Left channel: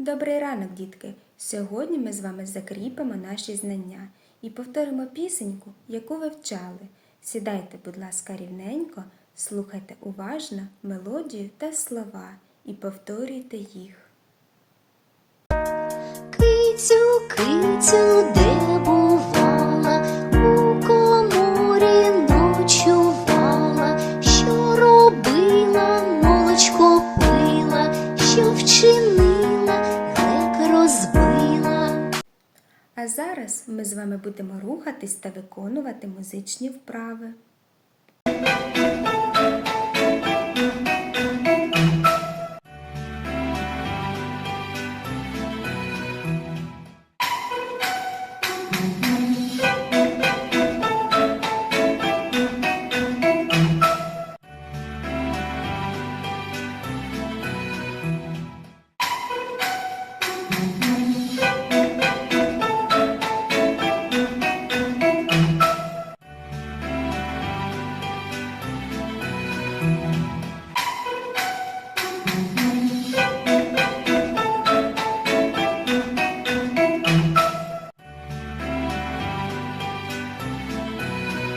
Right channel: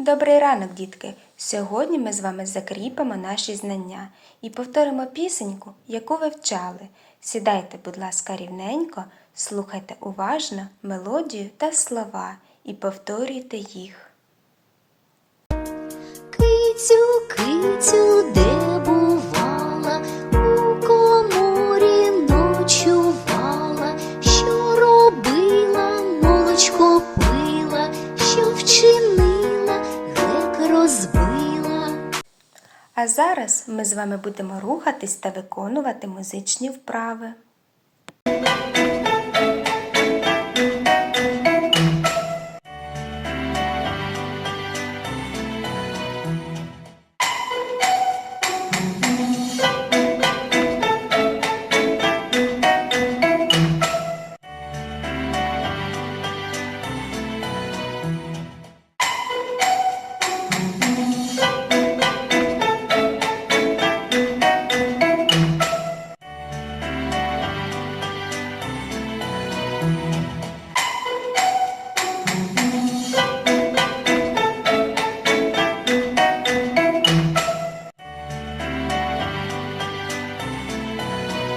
Добрий ранок, дітки! Сьогодні ми з вами закріпимо наші знання і повторимо пісеньку, яку ви вчали. Сідайте, будь ласка, рівненько, слухайте уважно мелодію та слова і повторюйте їх. Кицю, кицю, де бувала, А зараз ми з вами будемо рухатись та виконувати музичні вправи.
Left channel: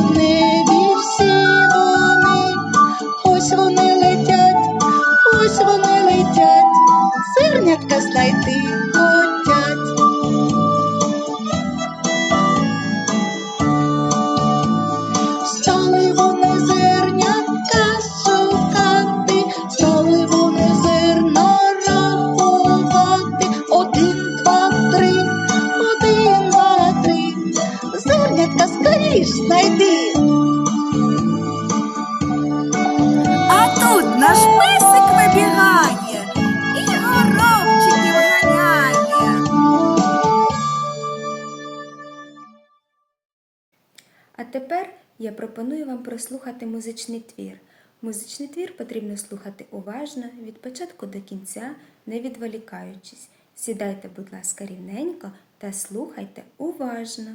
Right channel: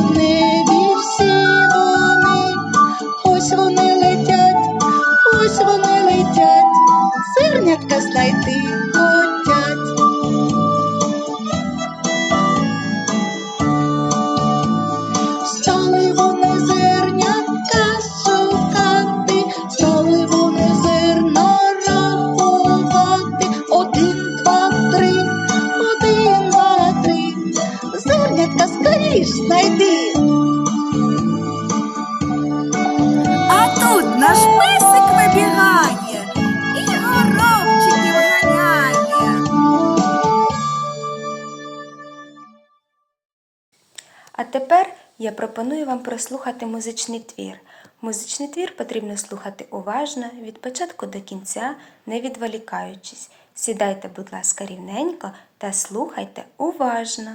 в всі вони. Ось вони летять, ось вони летять, зернятка знайди. А тут наш песик вибігає і горобчиків ганяє. А тепер я пропоную вам прослухати музичний твір. Музичний твір потрібно слухати уважно від початку до кінця, не відволікаючись. Сідайте, будь ласка, рівненько та слухайте уважно.